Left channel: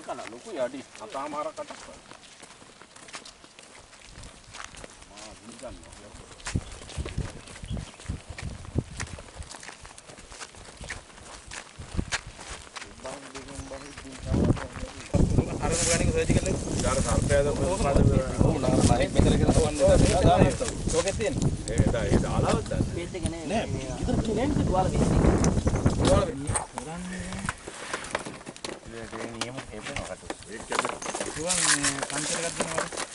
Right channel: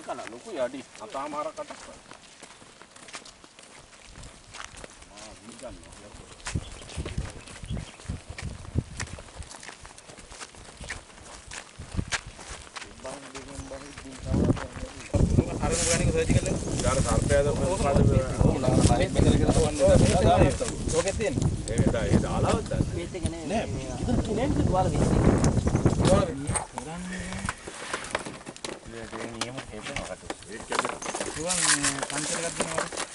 මේක න ලොකු යඩි අතාමාරකට මා විගන්නවා අර ගානික සර්ච් කරලා ඊට සර්පයාද ඔව් නාර ලයිට් මෙතන කියලා තවන්නේ ඕකේ තියෙන්නේ ඒ දාලාවත් දාන්න මේත් එක නේ ඉතින් කිනෙන්ද දුවාල වෙන්නේ දුවාල වෙන්නේ ඒ නියම හේපෙනවා කට ඒක කියන්නේ දුවන් පන්සල එකක් දෙනවා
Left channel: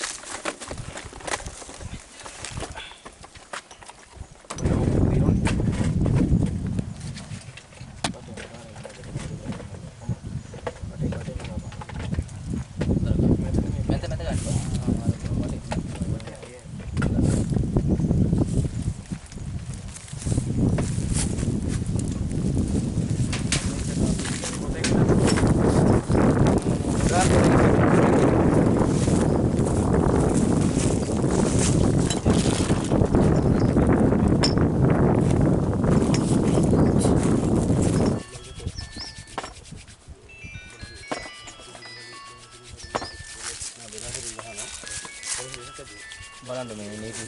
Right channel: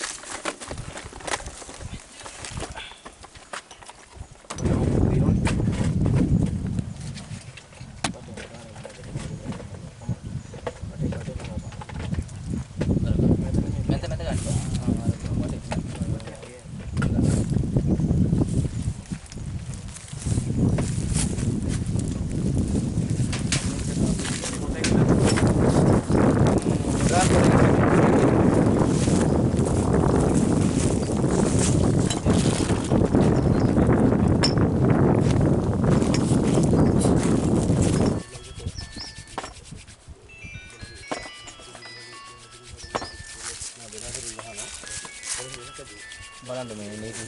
බලන්න මේ නේද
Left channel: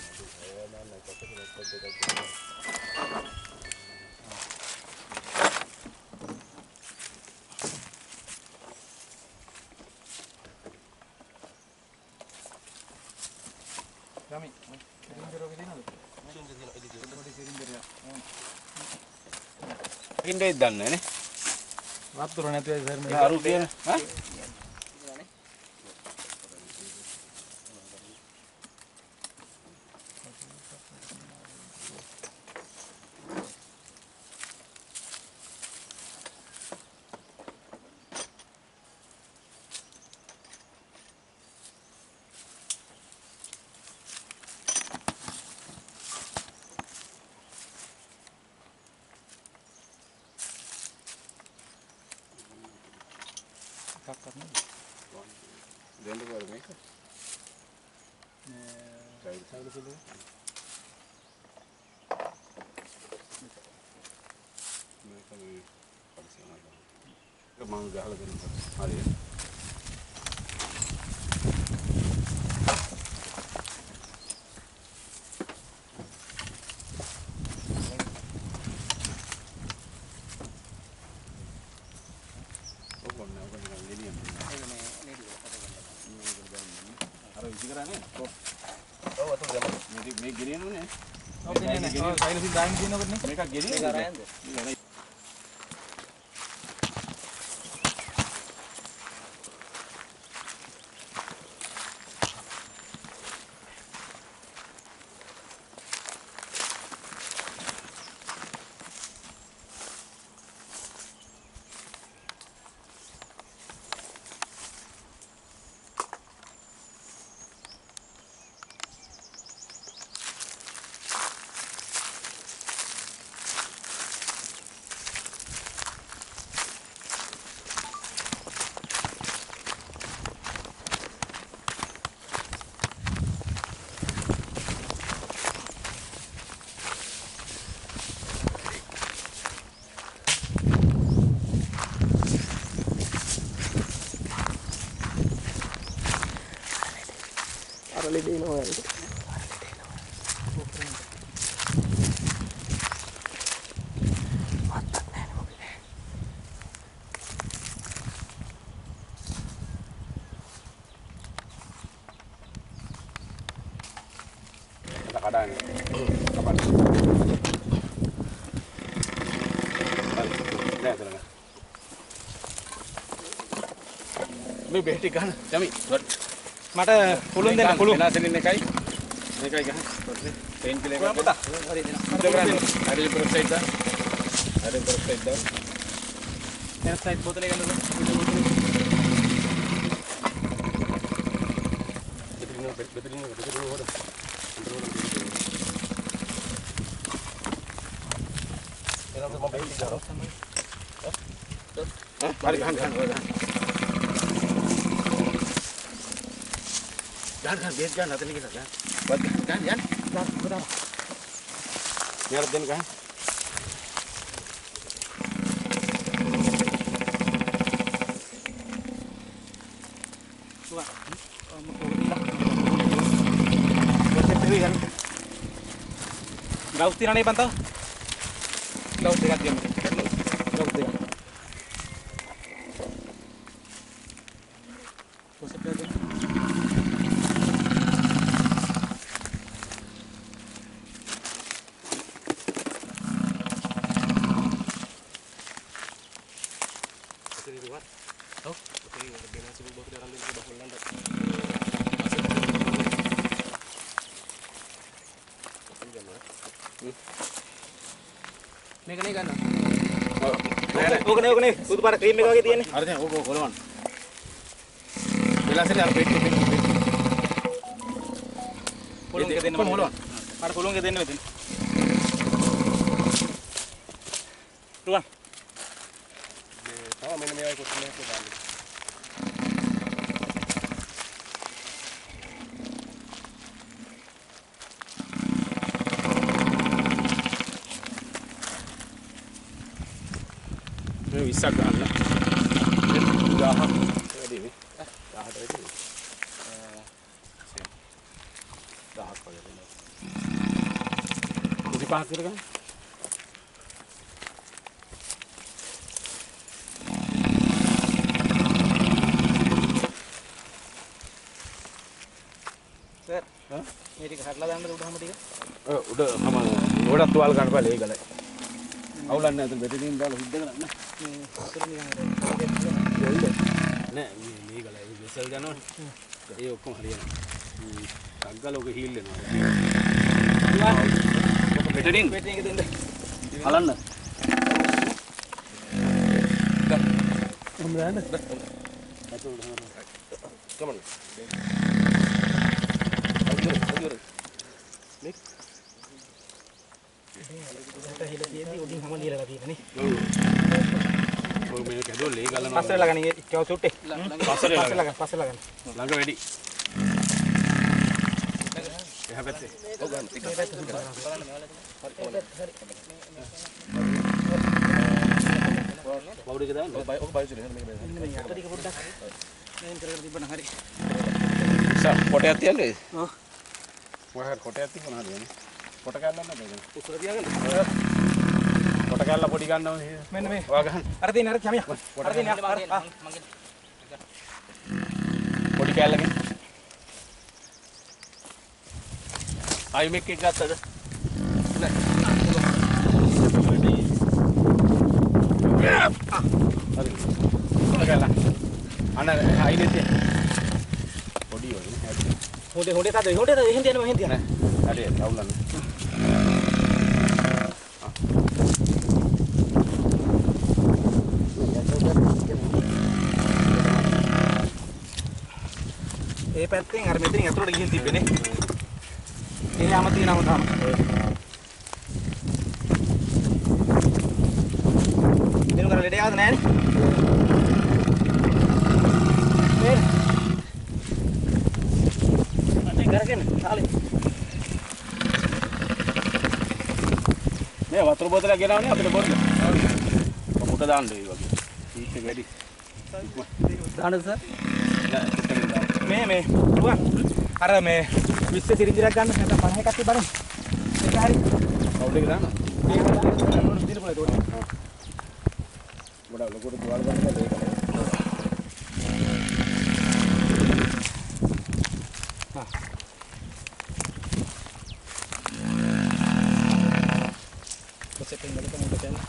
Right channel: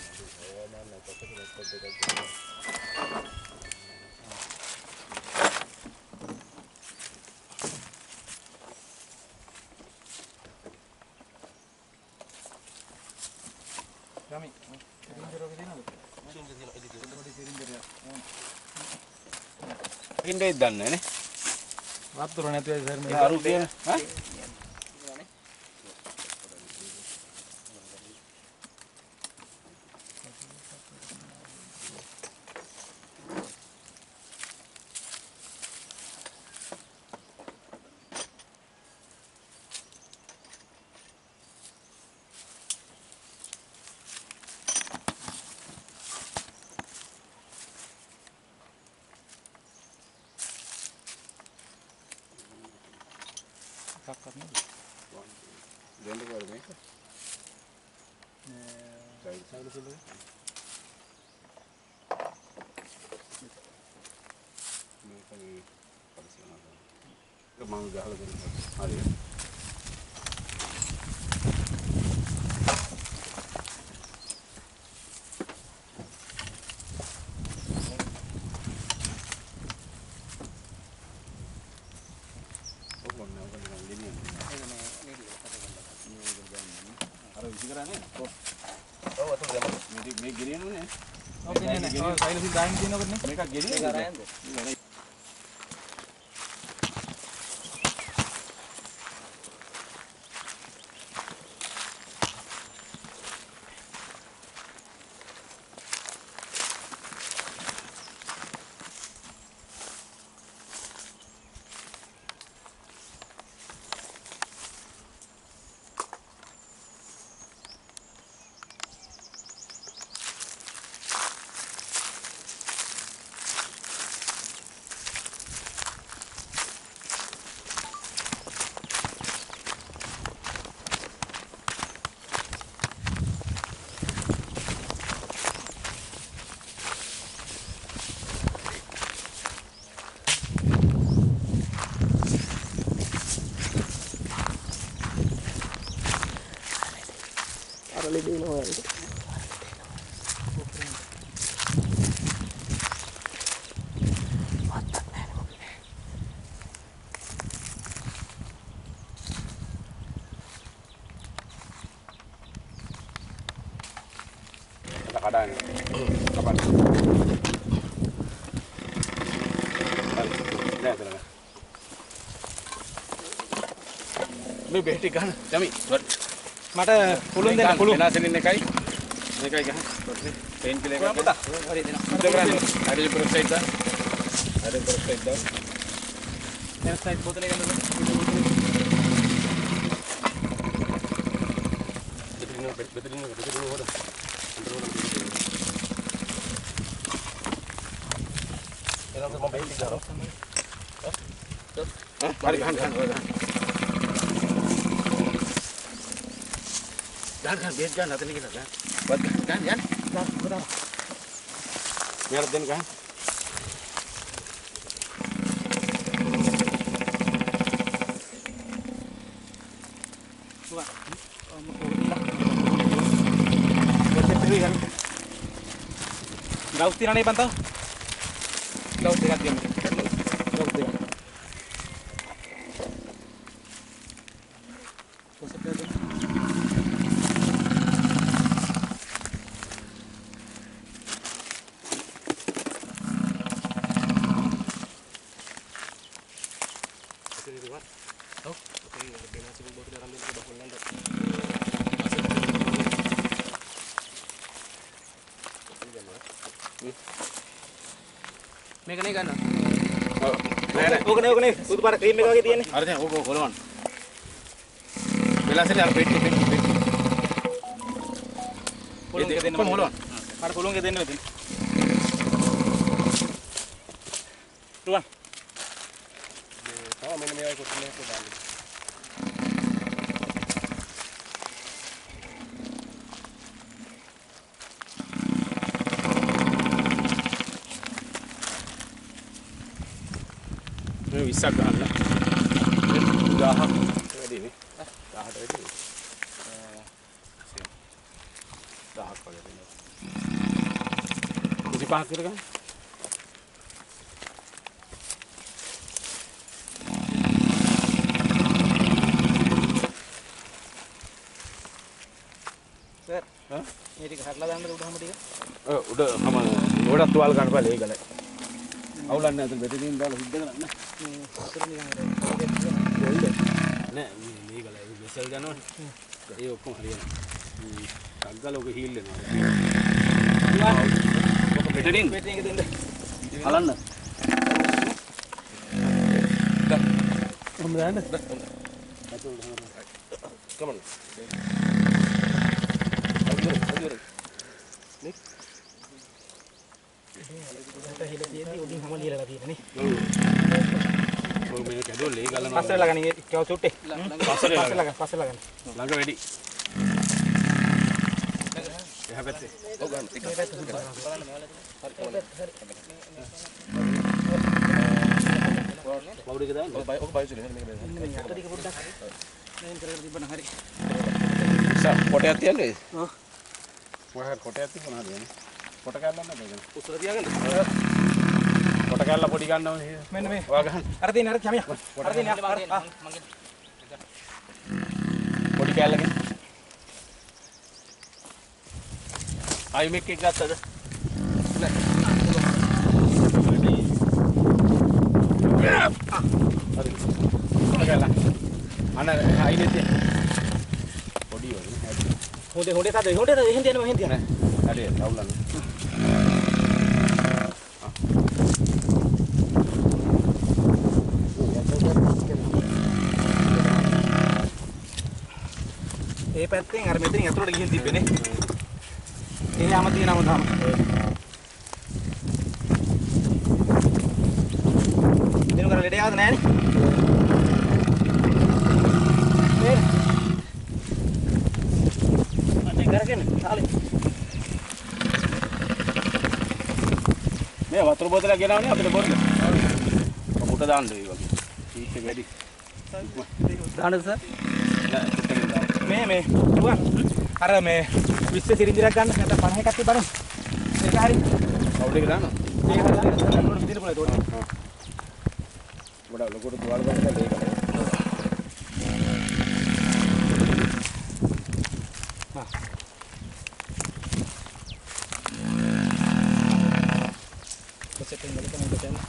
ගමි සිරින්දරෝගේ දිනවද ඉන්නේ දන්නේ නේ වතුර නැතුව සර් මේ අරු කියන ඈ දෙන්න බෑ මේක නේ සයිඩ් සයිඩ් මේක මේ පරිසරනවා ඒක මම ගහලා දෙන්නම් හරි මේ ගෙනියන්නේ නේ ඔව් ගෙනියන්නේ ඔව් සයිලසින් දාන්න තියෙනකොට නේ මේකක් ගෙනියන්නේ ආරයන්ද දෙනවා ඒක කඩාන කපන්න මේ බෙහෙටි ගන්න යමි මට පුළුන් දෙන්න පුළුන් වෙනසෙන් ඉන්න එකයි මේකයි ගහන්න පේන් කිලර් එකක් පුතා හරි දෙන්න ඉඳ කරන්න හරි ප්‍රොසයිඩ් දා හරි ප්‍රොසයිඩ් දා එන සයිඩ් බෝතලේ ගන්නද බෙතරින් හොර එනනම් මම බෙහෙටි දානවා හරි ගන්න Jangan biar jangan nanti kita kan. Buat kan Jan. Benar. Biar den kan. Gaus tiene ahí pantado. Gaus tiene aquí. Gaus tiene. මේක නේ ගන්න. ඕක නේ සුදු පාට ක්‍රීම් එක වගේ තියෙන්නේ. අර දැන් ඕක කොලවන්න. වෙලාසෙට අර පෙට්ටි. පොළොන් එක දෙන්න මොලවන්න. අර පොළොන් එක දෙන්න මෙතන. රුවන්. තව මෙන්න මේ වගේ කොට්ටලයක් දාන්න. මේ 20ක් ගන්න. 1000ක් වැඩි නේ. 1000ට වැඩි. 1000ක් වගේ දෙනවා. 25ක් විතර ගන්න. සර් මේ ටික හරලා දාන්නද උඩ හැම ටික? උඩ මම ගොඩක් තුවාල ගන්න බෑ ඒකලයි. අවුලන්නේ නැතුව බෙදීන් දාලා හිට කරන්න. මේ අතර නිකන් නෑ මේ ගලයි වෙසල් යනවනේ. ඒ ඔක්කොම හරියනවා. ටග්ගල ඔක හීල් වෙනවා. බෙදීන් පෙට්ටි එක දෙන්න. හලන්න. මම දාන්න. කමන්න. හිලතියදී උඩින් හැම ලියලා තියෙන්නේ නේ. ඔව් මේ කැඩෝ ලේ ගලනවා. පස්සට ළඟ නේ කව චුට්ටේ. පස්සට ළඟ. ළඟ වැඩි. එහා පැත්තේ. ඔව් ගන්න. මේ පැත්ත බලන්න වවුඩ එක දාන්න. ඔක බයිසුනේ මේක මේක. මේ අත ටික පොඩ්ඩක් මෙහෙන් කරගෙන තිබ්බනම් හරි. කොටයක් තියන්නේ. ඔව්. මොකක්ද කොටයක් තිබුණා හරියනේ. කොට කැල්ලක් නැද්ද ඒක? උසර තියාගන්න. කොට කැල්ල පොඩි ගන්නව මෙන්න මේ. ඔයා ගන්න. අර තියෙන අර කැමියා. අර තියෙන අර මගේ. පොඩි කැල්ලකින්. ආයි මේක එක ගත්තද? නෑ. හරි. කොට කැල්ල. අන්න ආයිනේ තියෙන. පොඩි වගේ නේ. හොඳේ සාද හොඳේ එහෙන් තියනවා එහෙන් තියනවා. හරි අවුලන්නේ. ඒ පැත්තෙන් අර මෙතනින් ඇතුළට ගිහින් තිබ්බනේ. ඒ යාම තියෙනවම තාම. දිනු කරලා ලෙඩ ආවද නැහනේ? මේ. මට කරගෙන තාලේ. මේ වතුර බෝතලයක් ගෙනාවනේ අපිට බොන්න. මුට දාන්න ඒ වගේ. සීට් එක වැඩි. දාන්නද සර්? නෑ මේ රුවන් අර මේ 20 සිරින්ජරයක් ගන්න නැත්නම් 50 එකක් තිබ්බනම් ඒක හරි කවුද එක දානවා? ඒක දාන්න මොනවද දින පොලේ තෝරන්න. ගොඩක් ලොකුට තුවාල ගන්න ඒක. Setting balik kan udah channel.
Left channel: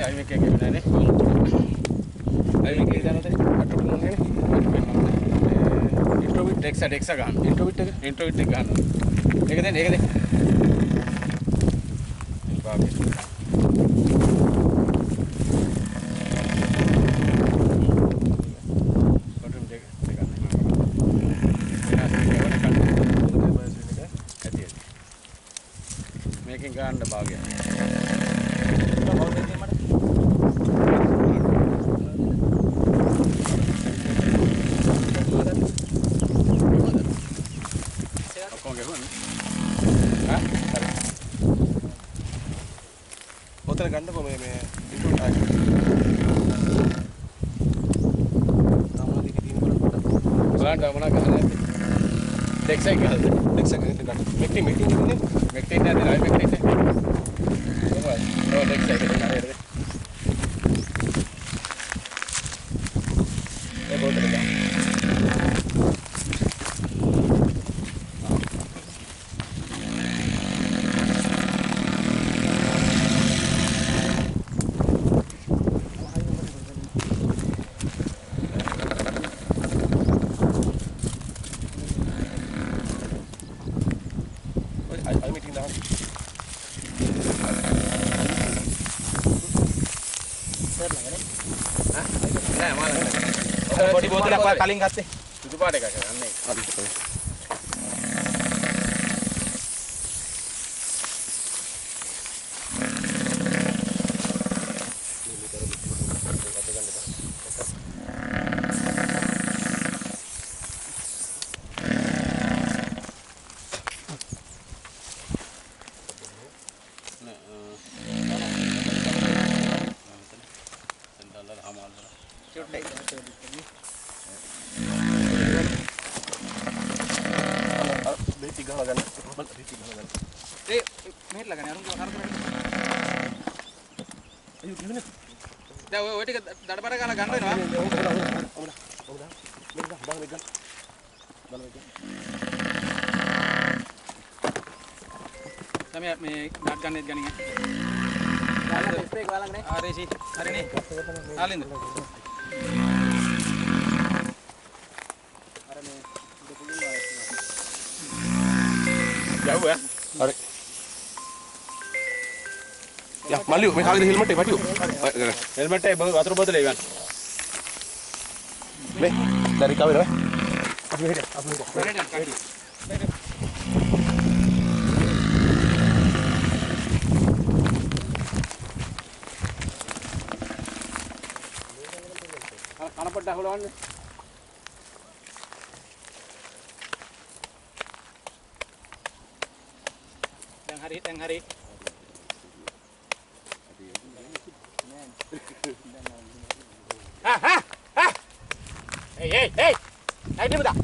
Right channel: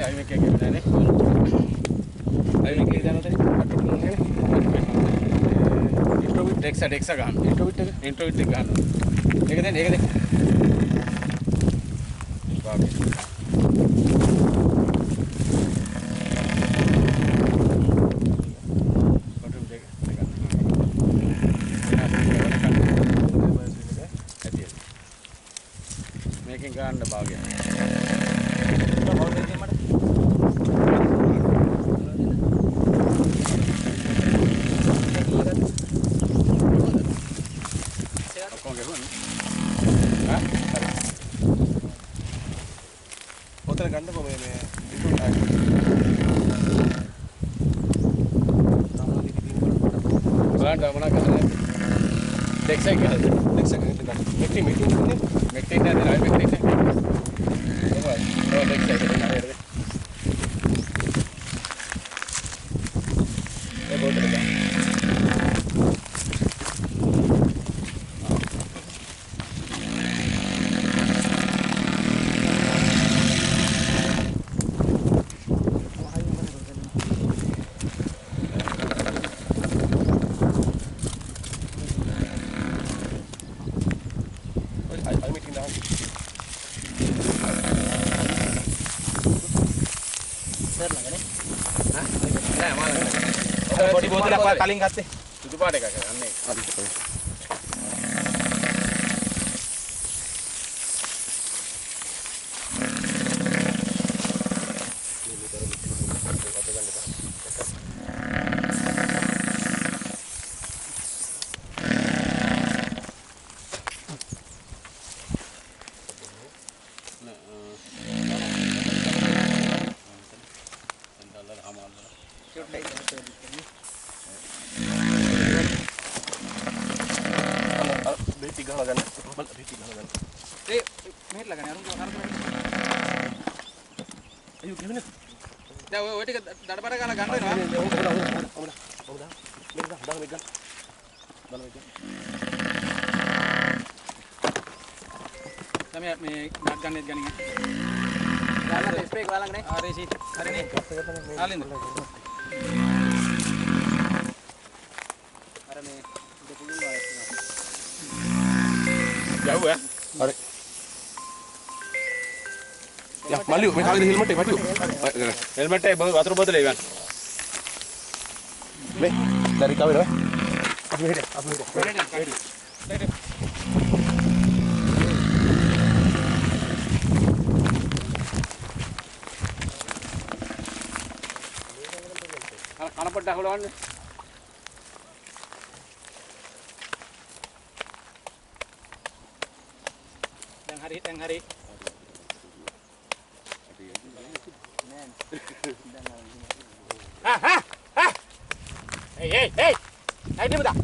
Ay me quedé bien, ¿eh? Ay me quedé dando introvert dexa ගන්න. introvert එක ගන්න. ඒක දෙන්න. ඒක දෙන්න. ඔතන ගන්නකො මේ ඉන්ට්‍රෝ ටැග්. තමලා දිග තියෙන බලන්න බලන්න මොනවා ගහන්නේ. ටෙක්ස් එක ගහද? ටෙක්ස් එක ගන්න. මෙක්ටින් ඉන්නේ. මෙක්ටින් නේද? ආයි මෙක්ටින් නේ. කොහොමද? ඔය ටෙක්ස් එක ගන්න හරියද? ඒ බෝතල ගන්න. අයි මීටින් දාන්න. සර් ළඟනේ. නෑ මාළා. ඔය පොඩි බෝතලයක් ඔය කලින් ගත්තේ. සුදු පාට එකක් ගන්න. හරි. බේටි ගහලා ගන්න. බල බේටි ගහලා ගන්න. ඒ මෙහෙට ළඟනේ අරුන්ගේ අරුන්ගේ. අයියෝ කිව්නේ. දැන් ඔය ටික දඩබඩ ගාලා ගන්න වෙනවා. තමයි මේ නට් ගන්නෙත් ගන්නේ. ගන්න ඩිස්ප්ලේ එක ළඟනේ. හරි සී. හරිනේ. ආලින්ද. අර මේ දෙපුලින් වායස්. යව්වා. හරි. යා මල්ලියෝ මේ කාගේ හෙල්මට් එක මල්ලියෝ. හෙල්මට් එක වතුර බෝතලේ ගන්න. මේ දැන් රිකවර් වෙනවා. අපි මෙහෙට. කන පොඩ්ඩක් හොලවන්න. දැන් හරි. Hey. Hey, dia betul.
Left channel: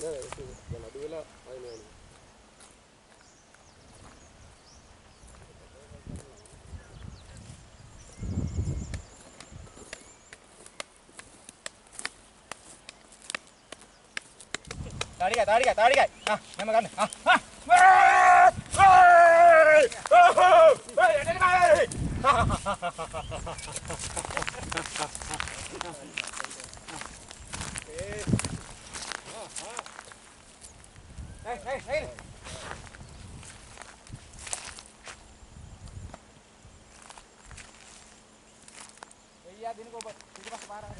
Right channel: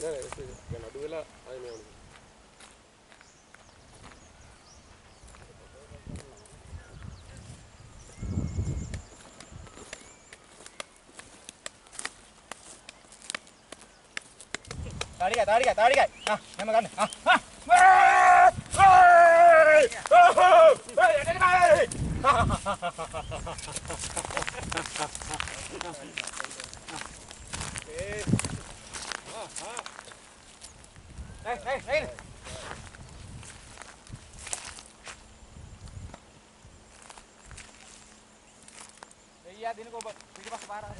Go. දැන් අඩු වෙලා ආයෙ මේ වුණා. Tarik. Memang kan. Hey. Iya, dini kok. Dini pas parah.